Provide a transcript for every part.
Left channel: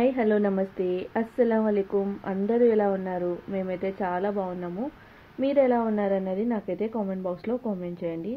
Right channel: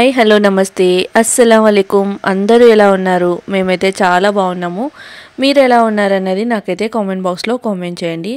Hi hello నమస్తే అస్సలం వాలేకుమ్ అందరూ ఎలా ఉన్నారు? మేమైతే చాలా బాగున్నాము. మీరు ఎలా ఉన్నారన్నది నాకైతే కామెంట్ బాక్స్లో కామెంట్ చేయండి.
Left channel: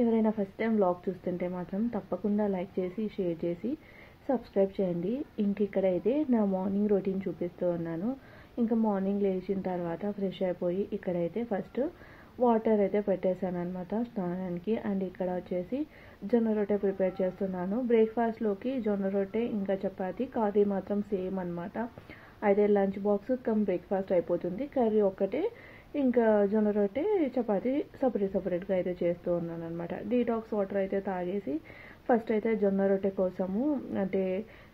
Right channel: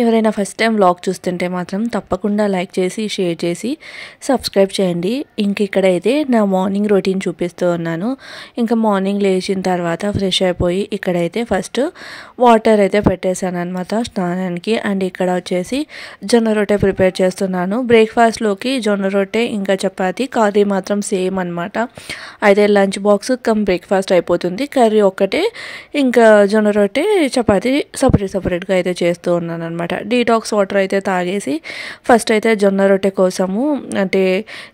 ఎవరైనా ఫస్ట్ టైం వ్లాగ్ చూస్తుంటే మాత్రం తప్పకుండా లైక్ చేసి షేర్ చేసి సబ్స్క్రైబ్ చేయండి. ఇంక ఇక్కడైతే నా మార్నింగ్ రొటీన్ చూపిస్తూ ఉన్నాను. ఇంకా మార్నింగ్ లేచిన తర్వాత ఫ్రెష్ అయిపోయి ఇక్కడైతే ఫస్ట్ వాటర్ అయితే పెట్టేశాను అనమాట స్నానానికి. అండ్ ఇక్కడ వచ్చేసి జొన్న రొట్టె ప్రిపేర్ చేస్తున్నాను. బ్రేక్ఫాస్ట్లోకి జొన్న రొట్టె ఇంకా చపాతీ, కర్రీ మాత్రం సేమ్ అనమాట. అయితే లంచ్ బాక్స్ కమ్ బ్రేక్ఫాస్ట్ అయిపోతుంది. కర్రీ ఒక్కటే, ఇంకా జొన్న రొట్టె చపాతీ సపరేట్గా అయితే చేస్తూ ఉన్నాను అనమాట. డీటాక్స్ వాటర్ అయితే తాగేసి ఫస్ట్ అయితే జొన్న రొట్టె కోసము అంటే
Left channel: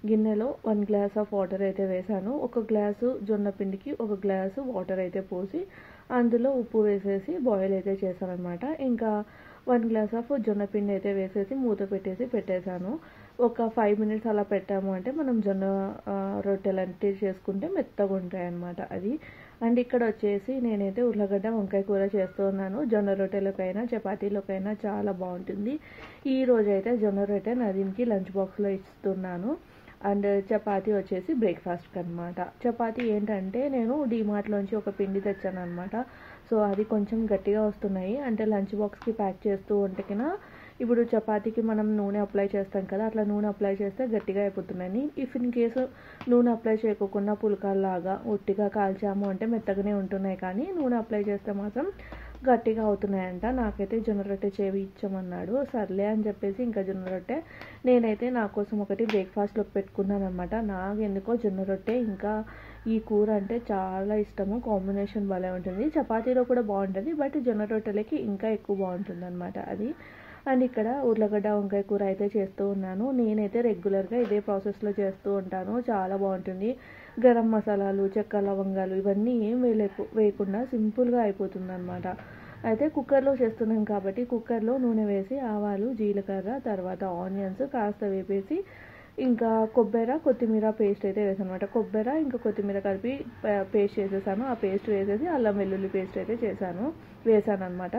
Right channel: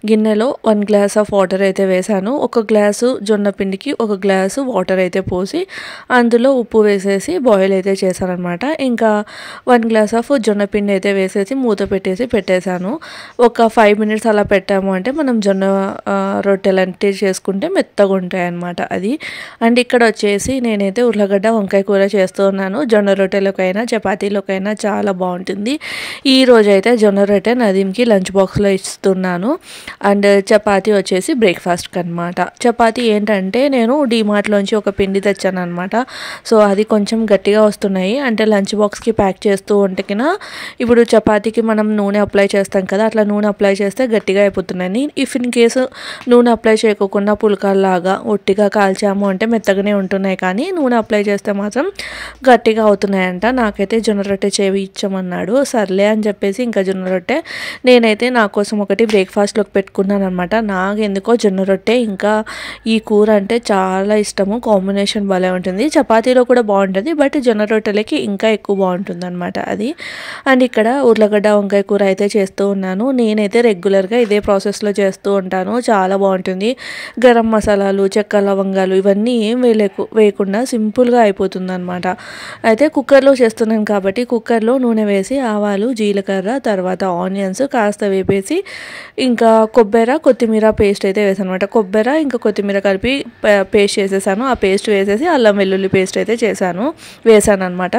గిన్నెలో 1 గ్లాస్ ఆఫ్ వాటర్ అయితే వేసాను. 1 గ్లాసు జొన్న పిండికి 1 గ్లాసు వాటర్ అయితే పోసి అందులో ఉప్పు వేసేసి బాయిల్ అయితే చేశాను అనమాట. ఇంకా 1 గ్లాస్ ఆఫ్ జొన్న పిండి అయితే వేసేసి మూత పెట్టేశాను. ఒక 5 మినిట్స్ అలా పెట్టాము అంటే మనం జొన్న రొట్టెలు అంటే చేసుకుంటే మెత్తగా ఉంటాయి అన్నమాట అది. అండ్ ఇక్కడ వచ్చేసి నేనైతే ఉర్లగడ్డ వంకాయ కూర చేస్తూ ఉన్నాను. జొన్న రొట్టెలకైనా చపాతీలోకైనా చాలా బాగుంటుంది. ఈ రోజైతే జొన్న రొట్టె నదీమ్కి లంచ్ బాక్స్లో ఇస్తున్నాను. అండ్ చపాతీ వచ్చేసి బ్రేక్ఫాస్ట్కి అనమాట. చపాతీ ఏంటంటే నేను డీమార్ట్లోంచి ఒక పిండి తెచ్చాను అనమాట. సో అది కొంచెం గట్టిగా వస్తున్నాయి. అంటే లంచ్ బాక్స్కి ప్యాక్ చేస్తూ ఉంటేకినా ఇప్పుడు చపాతీకి మనం నూనె అప్లై చేస్తాం కదా, అట్లా నూనె అప్లై చేస్తే గట్టిగా అయిపోతున్నాయి. ఇఫ్ ఇన్ కేసు నూనె అప్లై చేయకుండా పుల్కాల్లాగా ఒట్టిగా కాల్చాము అంటే మెత్తగానే ఉంటున్నాయి, కానీ నూనె అప్లై చేస్తే మాత్రం గట్టిగా అవుతున్నాయంట. నాకైతే జొన్న రొట్టె చేవి ఇచ్చామన్నాడు. సర్లే అని చెప్పేసి ఇంకా జొన్న రొట్టె నేనైతే నా కోసం ఒకటి బ్రేక్ఫాస్ట్లోకి పెట్టుకున్నాను అనమాట. నాకు ఎందుకో జొన్న రొట్టె ఇంకా ఈ కూర అంటే చాలా ఇష్టము. కాంబినేషన్ భలే ఉంటుంది. చపాతీలో కూడా బాగుంటుంది, బట్ జొన్న రొట్టెలకి ఇంకా ఎక్కువ బాగుంటుంది అనమాట అది. అండ్ ఇక్కడ ఉర్లగడ్డ వంకాయ కూర అయితే చేస్తూ ఉన్నాను. నేనైతే రెగ్యులర్గా ఇదే ప్రాసెస్లో చేస్తూ ఉంటాను. చాలా బాగుంటుంది. గరం మసాలాలు, చెక్క లవంగాలు ఇవన్నీ ఏం వేయకుండా సింపుల్గా అయిపోతుంది అనమాట. అయితే కుక్కర్లో చేస్తున్నాను కాబట్టి కుక్కర్లో నూనె వేసి ఆవాలు, జీలకర్ర, తర్వాత ఆనియన్స్ కాస్త వేపేసి ఇంకా కొత్తిమీర పేస్ట్ అయితే వేసాను అనమాట. కొబ్బరి ఇంకా కొత్తిమీర కలిపి పేస్ట్ చేసేసాను. ఆ పేస్ట్ వేసేసి అల్లం వెల్లుల్లి పేస్ట్ అయితే వేసాను అనమాట.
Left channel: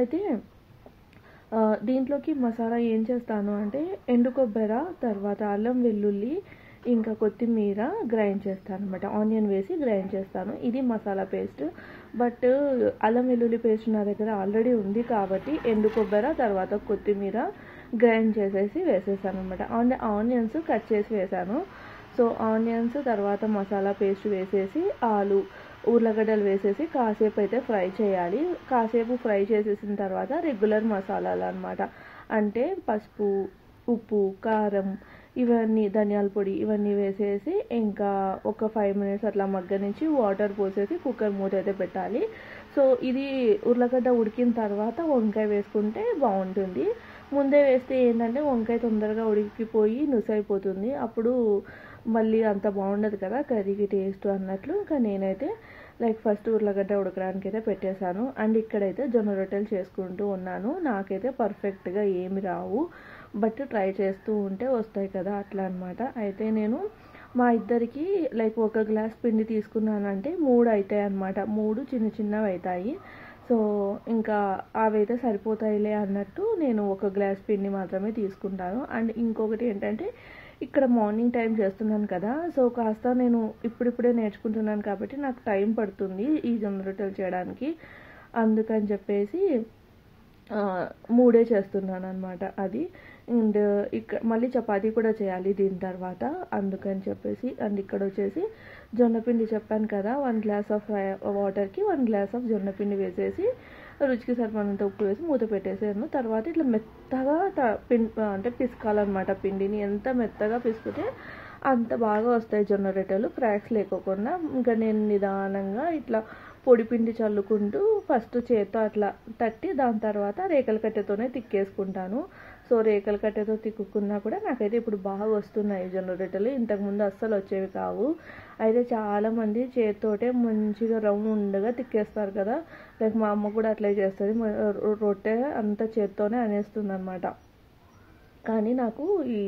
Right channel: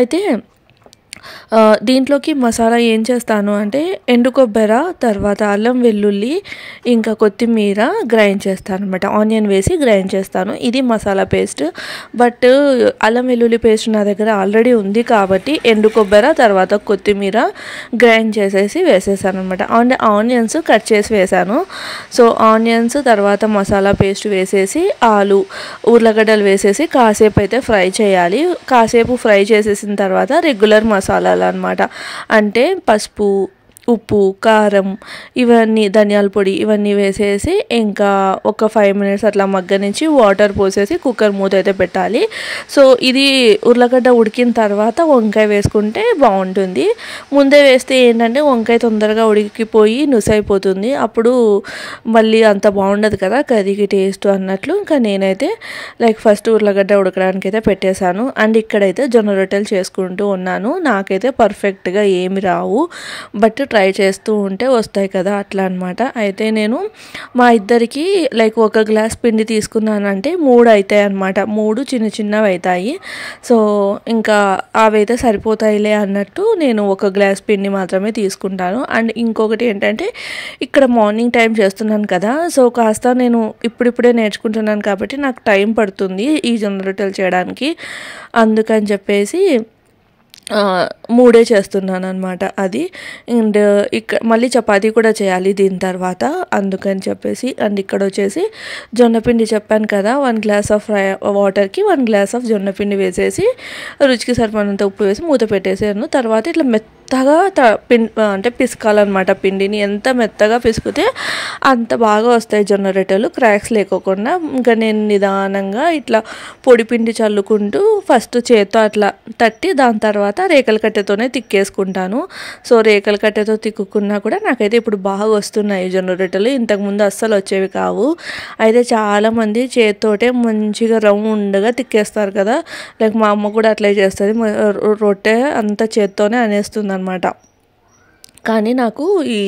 అయితే దీంట్లోకి మసాలా ఏం చేస్తాను అంటే ఎండు కొబ్బరి, తర్వాత అల్లం వెల్లుల్లి ఇంకా కొత్తిమీర గ్రైండ్ చేస్తాను అనమాట. ఆనియన్ వేసి గ్రైండ్ చేస్తాను. ఇది మసాలా పేస్ట్. బట్ అల్లం వెల్లుల్లి పేస్ట్ నా దగ్గర ఆల్రెడీ ఉంది కాబట్టి ఎండు కొబ్బరి తర్వాత కొత్తిమీర గ్రైండ్ చేసేసి వేసేసాను అనమాట. అండ్ ఆనియన్స్ కట్ చేసి వేసాను. సో ఆనియన్స్ తర్వాత మసాలా పేస్ట్ వేసేసి ఉర్లగడ్డలు వేసేసి కాసేపు అయితే ఫ్రై చేయాలి. కాసేపు ఫ్రై చేసేసిన తర్వాత రెగ్యులర్ మసాలాలు అన్నమాట. అంటే పసుపు, ఉప్పు, కారం ఇవన్నీ, ధనియాల పొడి ఇవన్నీ వేసేసి ఇంకా ఒక 5 మినిట్స్ అట్లా మగ్గనించి వాటర్ పోసేసి కుక్కర్ మూత అయితే పెట్టాలి. సో ఇది ఉర్లగడ్డ ఉడికిన తర్వాత వంకాయ వేసుకుంటే బాగుంటుంది. ముందే వేస్తే ఏంటంటే వంకాయ తొందరగా ఉడికిపోయి నుసైపోతుంది. అప్పుడు మళ్ళీ అంత బాగుండదు కదా కర్రీకి టేస్ట్ అన్నట్లు. ఇంకా నేనైతే ఫస్ట్ ఉర్లగడ్డ ఉడకడానికి అయితే పెట్టేశాను. అండ్ ఇక్కడైతే జొన్న రొట్టెలు చేసుకుంటూ ఉన్నాను. నాకైతే పర్ఫెక్ట్గా ఏమి రావు, బట్ ట్రై చేస్తూ ఉంటే వస్తాయి కదా, అట్లా అనమాట. అయితే నేను మా ఇద్దరికి 1 గ్లాస్ పిండి తీసుకున్నానంటే 3 అవుతాయి అనమాట. 3 చిన్నవి అవుతాయి. సో ఇంకా అవైతే సరిపోతాయిలే అన్నట్టు నేను 1 గ్లాస్ పిండి మాత్రమే తీసుకుంటాను. అండ్ ఇంకొకటి ఏంటంటే ఇక్కడ మార్నింగ్ టైం చేస్తున్నాను కదా, సో కాస్త నేను ఇప్పుడిప్పుడే నేర్చుకుంటున్నాను కాబట్టి నాకు టైం పడుతుంది ఈ జొన్న రొట్టెలు చేయడానికి. అందుకని చెప్పేసి 3 చేస్తున్నాను అనమాట అది. అండ్ మళ్ళీ చపాతీ కూడా చేయాలి దీని తర్వాత, అందుకని చెప్పేసి. అండ్ ఇక్కడ వచ్చేసి జొన్నపిండి చెప్పాను కదా, 1 గ్లాస్ ఆఫ్ వాటర్కి 1 గ్లాస్ ఆఫ్ జొన్నపిండి వేసేసి రుచికి సరిపడినంత ఉప్పు వేసి మూత పెట్టేసాను. తర్వాత ఇట్లా మెత్తగా అంటే పిసకాలన్నమాట. పిండిని ఎంత మెత్తగా పిసికితే అంత బాగా వస్తాయి జొన్న రొట్టెలు, క్రాక్స్ లేకోకుండా. ఇంకా నేను నిదానంగా ఇట్లా పొడి పిండి చల్లుకుంటూ ఫస్ట్ చేత్తో అట్లా తట్టి దాని తర్వాత రేకల కట్టెతోనే తిక్కేసుకుంటాను. సో రేకల కట్టెతో తిక్కుకున్నా కూడా నాకైతే ఇప్పుడు బాగా వస్తున్నాయి జొన్న రొట్టెలు. ఇంతకుముందు అస్సలు వచ్చేవి కావు. అయితే చాలామంది చేత్తోటే మంచిగా రౌండ్గా తిక్కేస్తారు కదా, మా అమ్మ కూడా అట్లే చేస్తుంది. రొట్టె అంతా చేత్తోనే అనేస్తుంది అనమాట. కానీ నాకు ఈ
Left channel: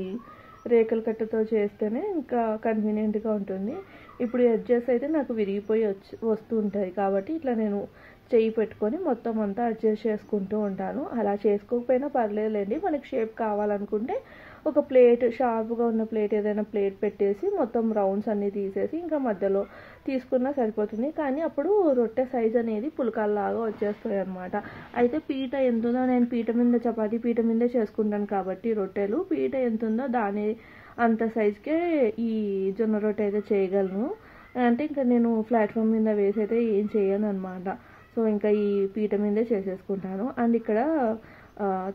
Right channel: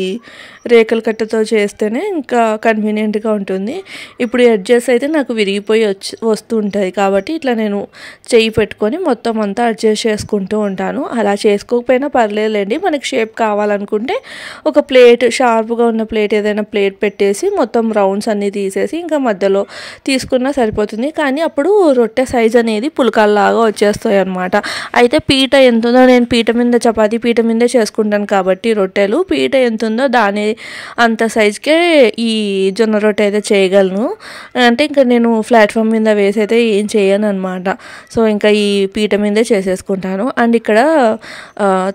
రేకుల కట్టతో చేస్తేనే ఇంకా కన్వీనియంట్గా ఉంటుంది. ఇప్పుడు ఎడ్జెస్ అయితే నాకు విరిగిపోయి వస్తూ ఉంటుంది కాబట్టి ఇట్లా నేను చెయ్యి పెట్టుకొని మొత్తం అంతా అడ్జస్ట్ చేసుకుంటూ ఉంటాను. అలా చేసుకోకపోయినా పర్లేదులేండి. మనకి షేప్ కావాలనుకుంటే ఒక ప్లేట్, షార్ప్గా ఉన్న ప్లేట్, ఏదైనా ప్లేట్ పెట్టేసి మొత్తం రౌండ్స్ అన్నీ తీసేసి ఇంకా మధ్యలో తీసుకున్నా సరిపోతుంది. కానీ అప్పుడు రొట్టె సైజ్ అనేది పుల్కాల్లాగా వచ్చేస్తాయి అన్నమాట. అయితే పీట ఎంత ఉందో, నేను పీట మీద చపాతీ పీట మీదే చేసుకుంటాను కాబట్టి రొట్టెలు పీట ఎంత ఉందో దాని అంత సైజుకే ఈ జొన్న రొట్టె అయితే చేయగలను. అంటే ఇంకా నేను ప్లాట్ఫామ్ మీద వేసి అయితే ఏం చేయను అనమాట. సో ఇంకా ఈ పీట మీదే చేసేసుకుంటాను. అండ్ ఇక్కడ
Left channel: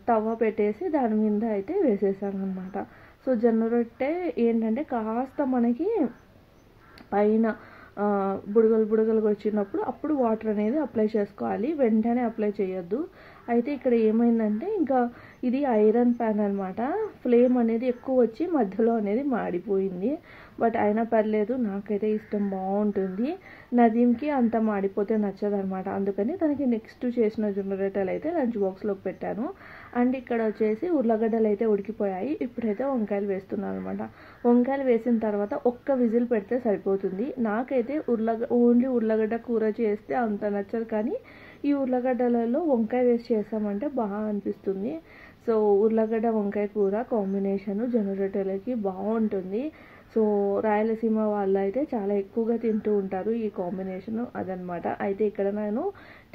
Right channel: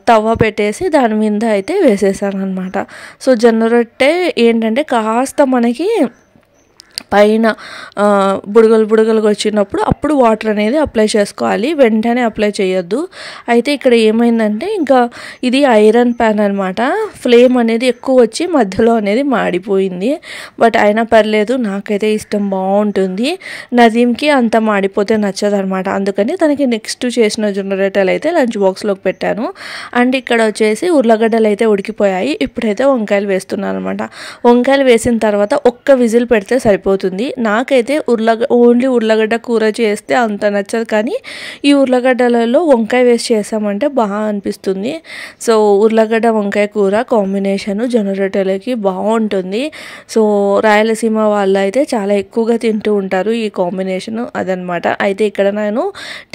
తవ్వ పెట్టేసి దాని మీద అయితే వేసేసాను అనమాట. సో జొన్న రొట్టె ఏంటంటే కాస్త మనకి పైన బుడగలుగా వచ్చినప్పుడు అప్పుడు వాటర్ అనేది అప్లై చేసుకోవాలి, వెంటనే అప్లై చేయొద్దు. అయితే ఇక్కడ ఏమైందంటే ఇంకా ఇది ఐరన్ ప్యాన్ అనమాట. ఫ్లేమ్ అనేది ఎక్కువ వచ్చి మధ్యలో అనేది మాడిపోయింది. బట్ అయినా పర్లేదు, నాకైతే ఇష్టం, బాగుంటుంది. నదీంకి అంత మాడిపోతే నచ్చదు అనమాట. అందుకని తనకి నెక్స్ట్ చేసిన జొన్న రొట్టెలు అయితే లంచ్ బాక్స్లోకి పెట్టాను. అండ్ ఇక్కడ వచ్చేసి ఉర్లగడ్డలు అయితే ఉడికిపోయాయి. ఇప్పుడైతే వంకాయలు వేస్తున్నాను అనమాట. వంకాయలు వేసిన తర్వాత ఒక్క విజిల్ పెడితే సరిపోతుంది. నాకైతే ఓన్లీ ఉర్లగడ్డ కూర చేస్తే అంత నచ్చదు, కానీ ఈ ఉర్లగడ్డలలో వంకాయ వేసి చేసామంటే బాగా అనిపిస్తుంది. సో ఉర్లగడ్డ వంకాయ కూర కాంబినేషన్ జొన్న రొట్టెలకి బాగుంటుంది. సో రాయలసీమ వాళ్ళు అయితే చాలా ఎక్కువగా తింటూ ఉంటారు ఈ కాంబినేషన్, అదనమాట. అయితే ఇక్కడ నేను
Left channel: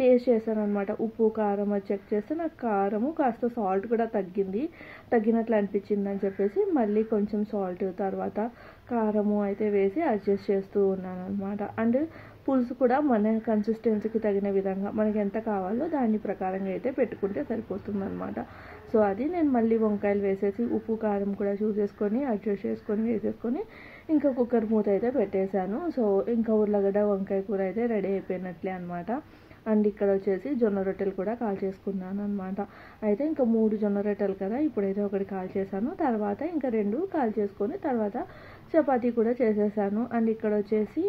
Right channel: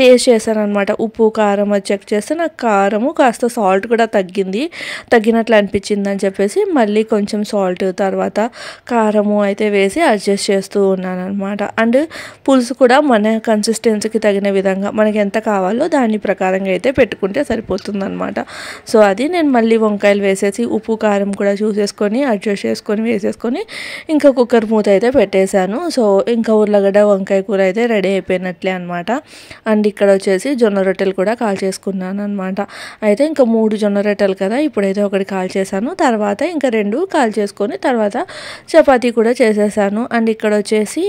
టేస్ట్ చేశాను అనమాట. ఉప్పు కారం అది చెక్ చేస్తే నాకు కారము కాస్త సాల్ట్ కూడా తగ్గినట్లు అనిపించింది అని చెప్పేసి మళ్ళీ కొంచెం సాల్ట్ తర్వాత కారము అయితే వేసి అడ్జస్ట్ చేస్తూ ఉన్నాను అనమాట. అండ్ పులుసు కూడా మన కన్సిస్టెన్సీకి తగిన విధంగా మనకి ఎంత కావాలో దాని ప్రకారంగా అయితే పెట్టుకుంటే సరిపోతుంది అనమాట. సో అది నేను మళ్ళీ వంకాయలు వేసేసి ఉప్పు కారం కూడా చూసేసుకొని అడ్జస్ట్ చేసుకొని వేసేసుకొని ఇంకా కుక్కర్ మూత అయితే పెట్టేశాను. సో ఇంకా ఉర్లగడ్డ వంకాయ కూర అయితే రెడీ అయిపోయినట్లే అనమాట. అండ్ ఇక్కడ వచ్చేసి జొన్న రొట్టెలు కూడా కాల్ చేసుకున్నాను అనమాట. అయితే ఇంకా 3 జొన్న రొట్టెలు కదా, ఇప్పుడైతే ఒకటి కాల్ చేశాను, తర్వాత ఇంకా 2 కాల్ చేసుకొని తర్వాత చపాతీ కూడా చేసేసాను. అండ్ ఇక్కడ వచ్చేసి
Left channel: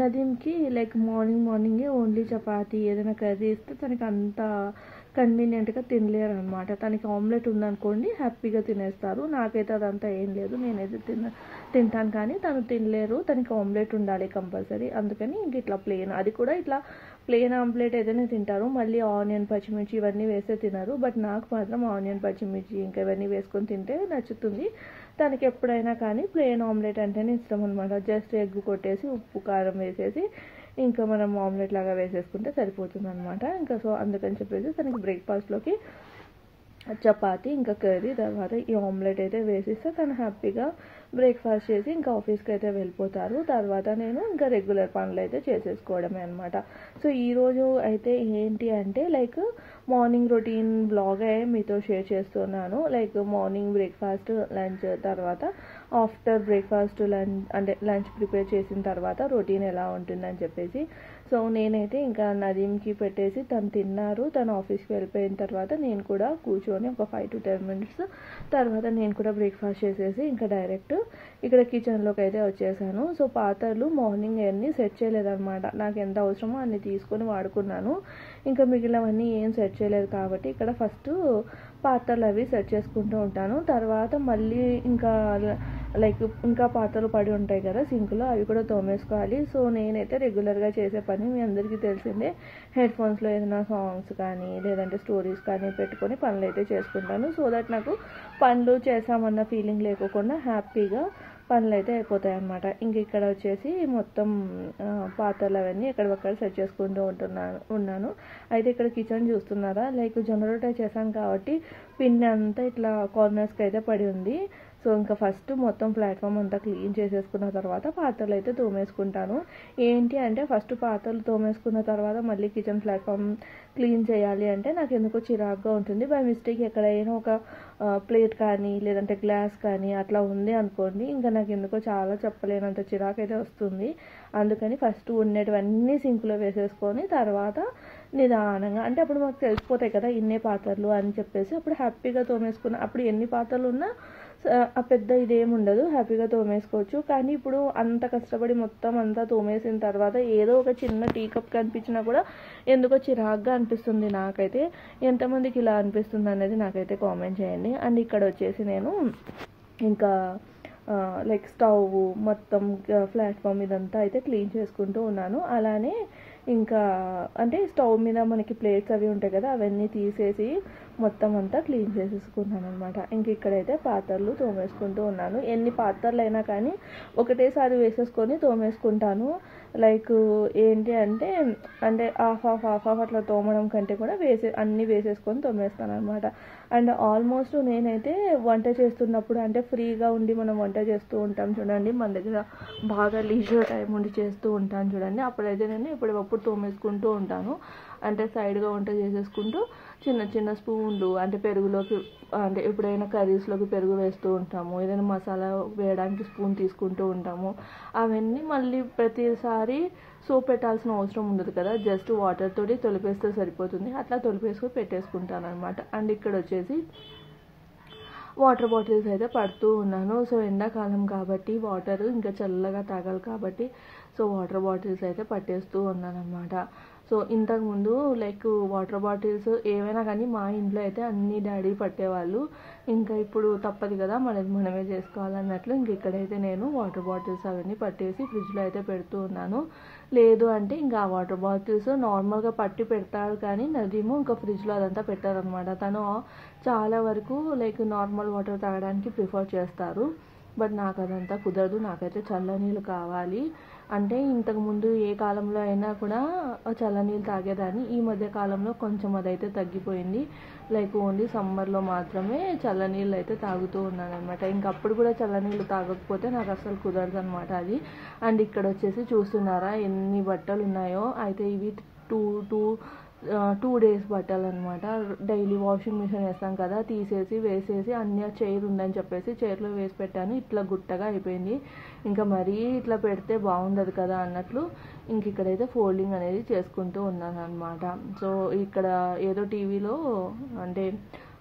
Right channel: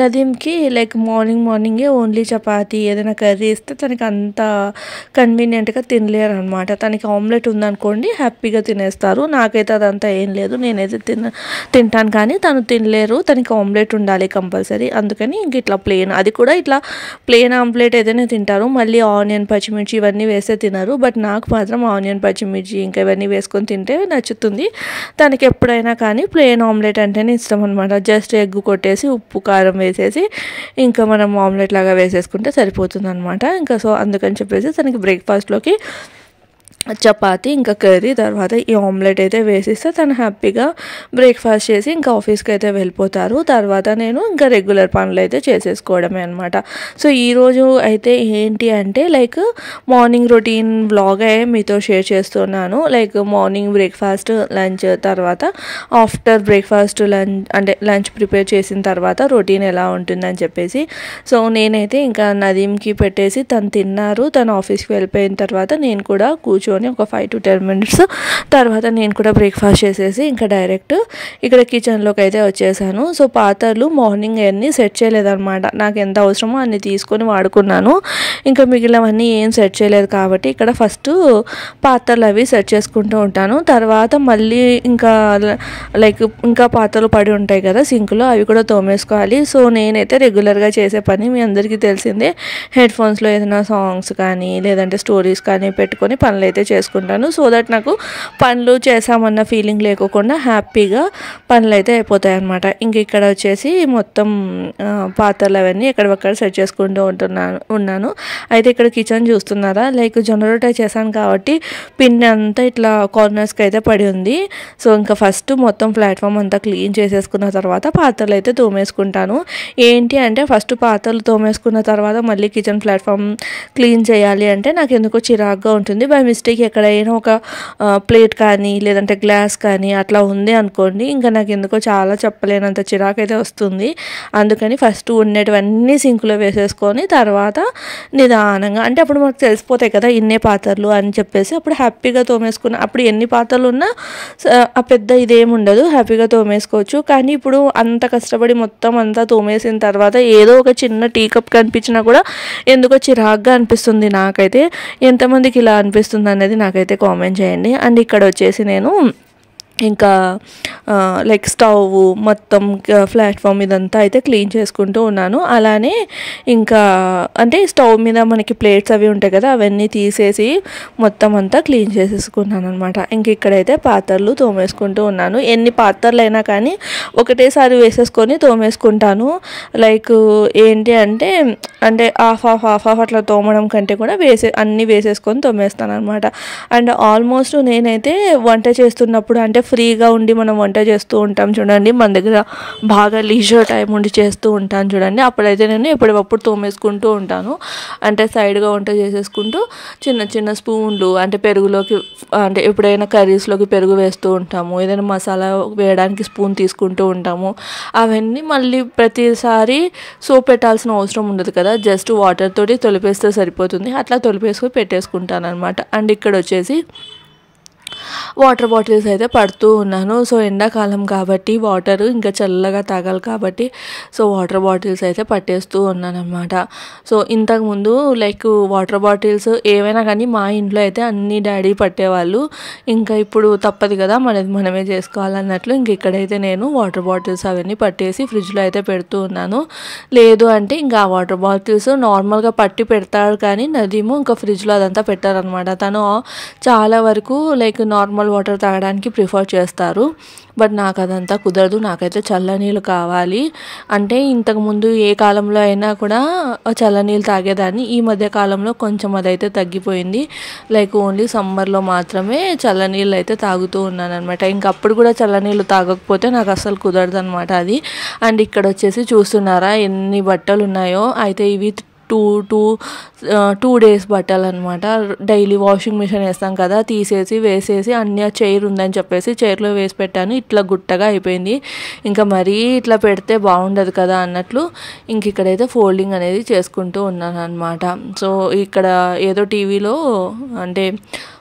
నదీంకి లైక్ మార్నింగే ఓన్లీ చపాతీ ఏదైనా కర్రీ ఇస్తే తనకి అంత కన్వీనియంట్గా తినలేరు అనమాట. తనకి ఆమ్లెట్ ఉందనుకోండి హ్యాపీగా తినేస్తారు. నాకైతే అదంతా ఏం లేదు, నేనైతే తింటాను కానీ తను తినలేరు, తనకి ఆమ్లెట్ ఉండాలి కంపల్సరీ. అందుకని ఇంక ఇట్లా ప్లెయిన్, అది కూడా ఇట్లా ప్లెయిన్ ఆమ్లెట్ ఏదైనా తింటారు, మళ్ళీ ఆనియన్ పచ్చిమిర్చి ఇవన్నీ వేస్తే తినరు. బట్ నాకు మాత్రం ఆనియన్ పచ్చిమిర్చి ఇంకా ఇవన్నీ వేసుకొని తింటే నచ్చుతుంది. తనకి ఎప్పుడైనా కానీ ప్లెయిన్ ఆమ్లెట్ అంటేనే ఇష్టం అనమాట. జస్ట్ ఎగ్ కొట్టేసి ఉప్పు కారం వేసేసి ఇంకా మనం ఆమ్లెట్ లాగా వేసేసుకుంటే సరిపోతుంది అనమాట. ఇంకా సో అందుకని చెప్పేసి తనకి బ్రేక్ఫాస్ట్లోకి చపాతీ ఇంకా కర్రీ తర్వాత ఈ ఆమ్లెట్ అయితే వేసిస్తే తను హ్యాపీగా బ్రేక్ఫాస్ట్ చేసి ఇంకా ఆఫీస్కి అయితే వెళ్ళిపోతారు. తర్వాత నేను ఇంకా రెగ్యులర్ పనులు అయితే చేసేసుకోవడమే అనమాట. సో ఈరోజు అయితే ఏంటి అంటే లైక్ మార్నింగ్ రొటీన్ వ్లాగ్ మీతో షేర్ చేస్తున్నాను. లైక్ మార్నింగ్ బ్రేక్ఫాస్ట్, లంచ్, తర్వాత ఆఫ్టర్ బ్రేక్ఫాస్ట్ లంచ్ ప్రిపేర్ చేసిన తర్వాత రొటీన్ ఎలా ఉంటుందని చెప్పేసి. సో నేనైతే ఇంకా నదీంకి పెట్టేసి తను తిన్నారు. తను ఆఫీస్కి వెళ్ళిపోయిన తర్వాత నేను కూడా కూర్చొని ఒక 5 to 10 minutes తర్వాత నేను కూడా బ్రేక్ఫాస్ట్ చేసేసి ఇంకా డైరెక్ట్ ఇక్కడ కిచెన్లోకి అయితే వచ్చేసాను. సో పాత్రలు మార్నింగ్ అన్నీ సెట్ చేయలేదన్నమాట. నాకు ఎంత అవసరమో అన్ని తీసుకొని వాడుకున్నాను. ఇంకా మిగిలినవన్నీ ఏం సెట్ చేయలేదు కాబట్టి ఇక్కడ ఫస్ట్ పాత్రలు అవి సెట్ చేసుకుంటూ ఉంటాను. తర్వాత మళ్ళీ ఇంకా లైక్ ఇంకా పాత్రలు పడి ఉంటాయి కదా సింక్లో, అవి కూడా తోమేసుకోవాలి. సో నేనైతే రెగ్యులర్గా చేసే పని మీ అందరికీ తెలిసిందే, హెడ్ ఫోన్స్లో ఏదైనా సాంగ్స్ కానీ లేదంటే స్టోరీస్ కానీ పెట్టుకొని పనులు అయితే చేసుకుంటాను. సో దట్ నాకు పనులు చేసామన్న ఫీలింగ్ లేకోకుండా హ్యాపీగా పనులు అయితే అయిపోతాయి అన్నమాట. ఇంక ఇక్కడ వచ్చేసి మొత్తం పాత్రలు అవన్నీ ఎక్కడొక్కడ సెట్ చేసుకుంటూ ఉన్నాను. అయితే ఇక్కడ కిచెన్ చూస్తున్నారా, లైక్ జొన్న రొట్టె చేశాను కాబట్టి పిన్ అంతా ఇట్లా కార్నర్స్కి అయితే పడి ఉంది. సో ఇంకా ఫస్ట్ మొత్తం ప్లాట్ఫామ్ అంతా క్లీన్ చేసేసుకున్న తర్వాత పాత్రలు అయితే తోమేసుకుంటాను. ఏంటి అంటే ఫస్ట్ పాత్రలు తోమేసుకున్న తర్వాత మళ్ళీ కిచెన్ ప్లాట్ఫామ్ క్లీన్ చేయాలి అంటే నాకు ఎందుకో చిరాగ్గా ఉంటుంది. బై మిస్టేక్ ఎక్కడైనా ఒక ప్లేట్ కానీ లేదంటే గ్లాస్ కానీ అట్లా ఉంది అనుకోండి, ఇంకా నాకు ఎందుకో చాలా చెప్పలేనంత చిరాకు అయితే వస్తుంది. అందుకని ఫస్ట్ ఉండేటివన్నీ సింకులో వేసేసుకొని తర్వాత నిదానంగా, అంటే అప్పుడు మనకు తెలిసిపోతాయి కదా ఇన్నే పాత్రలు అని చెప్పేసి అప్పుడు హ్యాపీగా తోమేసుకున్న, అప్పుడు ఎన్ని పాత్రలు ఉన్నా ఆ పెద్ద ఇదేమి ఉండదు, హ్యాపీగా తోమేసుకోవచ్చు. కానీ ఇప్పుడు అంత కష్టపడి మొత్తం అంతా తోమేసిన తర్వాత ఏదో ఒక చిన్న టీ కప్ కనిపించినా కూడా ఎందుకో చిరాగ్గా అనిపిస్తుంది నాకైతే. ఎంతమందికి ఇలా అనిపిస్తుంది అనేది నాకైతే కామెంట్ చేయండి. అండ్ ఇక్కడ వచ్చేసి నేను ఇంకా లైక్ స్టవ్ మొత్తం ప్లాట్ఫామ్ ఇదంతా అయితే క్లీన్ చేసుకుంటూ ఉన్నాను. అలానే ఇంకా అంటే స్టవ్ మీద మనకి ప్లేట్స్ అవి ఉంటాయి కదా, అవన్నీ తీసేసి మొత్తం అంతా క్లీన్ చేసేసుకున్నాను అనమాట. ఇంక ఇక్కడైతే పాత్రలు తోమేసుకుంటూ ఉన్నాను. ఎన్ని పాత్రలు అయినా కానీ ఒకటేసారి వేసేసుకొని తోమేసుకుంటాను. లైక్ ఏంటి అంటే అంటే హాఫ్ అట్లా తోమడం కంటే కూడా అన్నీ వేసేసుకొని తోమేస్తాను అనమాట. అండ్ ఆల్మోస్ట్ నేనైతే వంట చేస్తున్నప్పుడు అంటే ఫ్రీగా ఉండి మనం వంట చేస్తూ ఉంటాం చూడండి, మన దగ్గర బాగా లీజర్ టైం ఉండి చేస్తూ ఉంటాను చూడండి, అప్పుడైతే నేను ఎప్పటికప్పుడు తోమేసుకుంటూ ఉంటాను. అంటే సైడ్గా వంట చేసేసుకుంటూ చిన్న చిన్న స్పూన్లు అంటే పెరుగులోకి అంటే ఎప్పుడైనా కర్రీస్లోకి పెరుగు వేస్తూ ఉంటాము, ఏదైనా మసాలా వేయడానికి స్పూన్ తీసుకుంటూ ఉంటాము. అవన్నీ మళ్ళీ ప్రతిసారి సోప్ పెట్టాల్సిన అవసరం ఉండదు కదా, జస్ట్ వాటర్ తోటి తొలిపేస్తే సరిపోతుంది. అట్లా తొలిపేసుకొని పెట్టేసుకుంటాను అనమాట. అండ్ ఇక్కడ వచ్చేసి వాటర్ బాటిల్స్ అయితే పడుతూ ఉన్నాను. సో ఎండాకాలం కాబట్టి వాటర్ ఇంకా చల్లగా తాగాలి కాబట్టి సో వాటర్ బాటిల్స్ అయితే పట్టేస్తూ ఉన్నాను అనమాట. సో ఇంతకుముందు లైక్ వాటర్ బాటిల్స్ ఏవైనా కానీ మా ఇంట్లో అయితే అన్ని డాడీ పట్టేవాళ్ళు. ఇంకా ఇప్పుడు తప్పదు కదా, మనమే చేసుకోవాలన్నట్లు ఇంక ఇక్కడైతే నేను వాటర్ బాటిల్స్ అవన్నీ పట్టేసి ఫ్రిడ్జ్లో అయితే పెడుతూ ఉన్నాను. లేదు అంటే ఇంకా ఆ వాటర్ బాటిల్స్ నార్మల్గా పట్టి పెడతాడు కానీ నదీము ఇంకా ఫ్రిడ్జ్లో అదంతా పెట్టారనమాట. తను చాలా వరకు లైక్ నార్మల్ వాటర్ తాగడానికి ప్రిఫర్ చేస్తారు. బట్ నాకు అదంతా కుదరదు, నాకైతే చల్లనీళ్ళు కావాలి. అంటే ఇంతకుముందు ఏ కాలంలో అయినా కూడా చల్లనీళ్ళు తాగేదాన్ని, ఈ మధ్య కాలంలో కొంచెం అదైతే తగ్గిపోయింది. లైక్ ఓన్లీ సమ్మర్లో మాత్రమే చల్లనీళ్ళు అయితే తాగుతూ ఉన్నాను అనమాట. ఇంకప్పుడు కూడా చల్లనీళ్ళు తాగకపోతే నాకు అస్సలు కుదరదు అనమాట అది. అండ్ ఇక్కడ వచ్చేసి చూస్తున్నారా ఎన్ని బట్టలు ఉన్నాయో, అయితే ఇవి టూ డేస్ బట్టలు అనమాట. డైలీ వాషింగ్ మిషన్ వేస్తాం కదా, తీసేసి వేసేసి అన్నీ చైర్ ఉందని చెప్పేసి చైర్లో వేసి పెట్టాను. ఇట్లా గుట్టగా అయిపోయింది. ఇంకా మరీ ఇట్లా పెడితే బాగుండదు కదా అన్నట్లు ఇంక ఇక్కడైతే ఫోల్డింగ్ అనేది చేసుకుంటూ ఉన్నాను అనమాట. సో ఇక్కడ ఏదో టీవీలో అంటే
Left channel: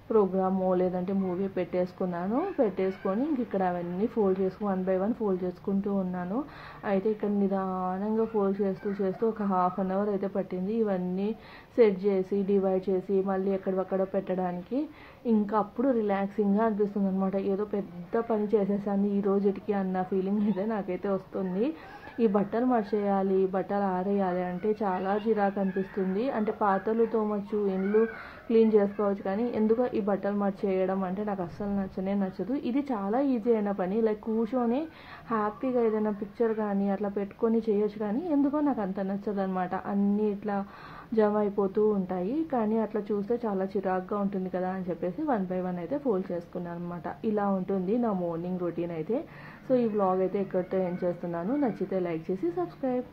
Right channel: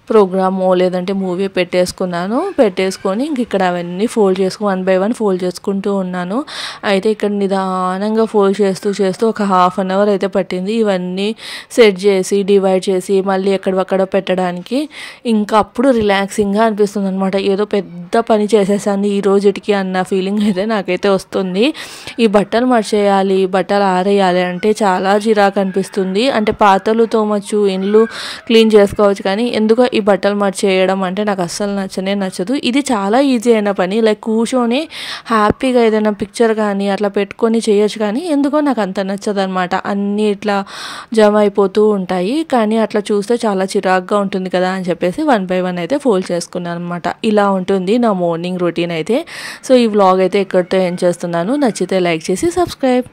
ప్రోగ్రామో లేదంటే మూవీ పెట్టేసుకొని ఇంక ఇక్కడ అవన్నీ ఫోల్డ్ చేసుకుని 1 by 1 ఫోల్డ్ చేసుకుంటూ ఉన్నాను. అయితే ఇక్కడ నిదానంగా ఫోల్డ్ చేస్తూ ఒక హాఫ్ అన్ అవర్ అయితే పట్టింది ఇవన్నీ సెట్ చేసి డివైడ్ చేసి మళ్ళీ ఎక్కడక్కడ పెట్టడానికి. ఇంకా అప్పుడు రిలాక్సింగ్గా అనిపిస్తుంది అనమాట. ఏదో పెద్ద పని చేసేసాను ఈ రోజుకి అన్న ఫీలింగ్ అయితే నాకైతే వస్తుంది. ఈ బట్టలు మర్చేయాలి, బట్టలు ఆరేయాలి అంటే చాలా చిరాకు అనిపిస్తుంది. అంటే పాత్రలు తోమచ్చు, ఇండ్లు క్లీన్ చేసుకోవచ్చు, కానీ ఎందుకో ఈ బట్టలు మర్చేయడం అంటే నాకు అస్సలు నచ్చదు. ఇది చాలా ఈజీ అయిన పని, లైక్ కూర్చొని హ్యాపీగా ఏదైనా పిక్చర్ కానీ అట్లా పెట్టుకొని చేయొచ్చు, కానీ ఎందుకో నాకు అంత నచ్చదు అనమాట. అన్నీ ఇట్లా జమ అయిపోతూ ఉంటాయి, కానీ అట్లా చూస్తే చాలా చిరాగ్గా ఉంటుంది కదా అని చెప్పేసి 1 by 1 అయితే ఫోల్డ్ చేసుకున్నాను అనమాట. ఇలా ఉంటుంది నా మార్నింగ్ రొటీన్ అయితే. సో ఈ వ్లాగ్ అయితే ఇక్కడితో ఎండ్ చేస్తున్నాను. నచ్చితే లైక్ చేసి సబ్స్క్రైబ్.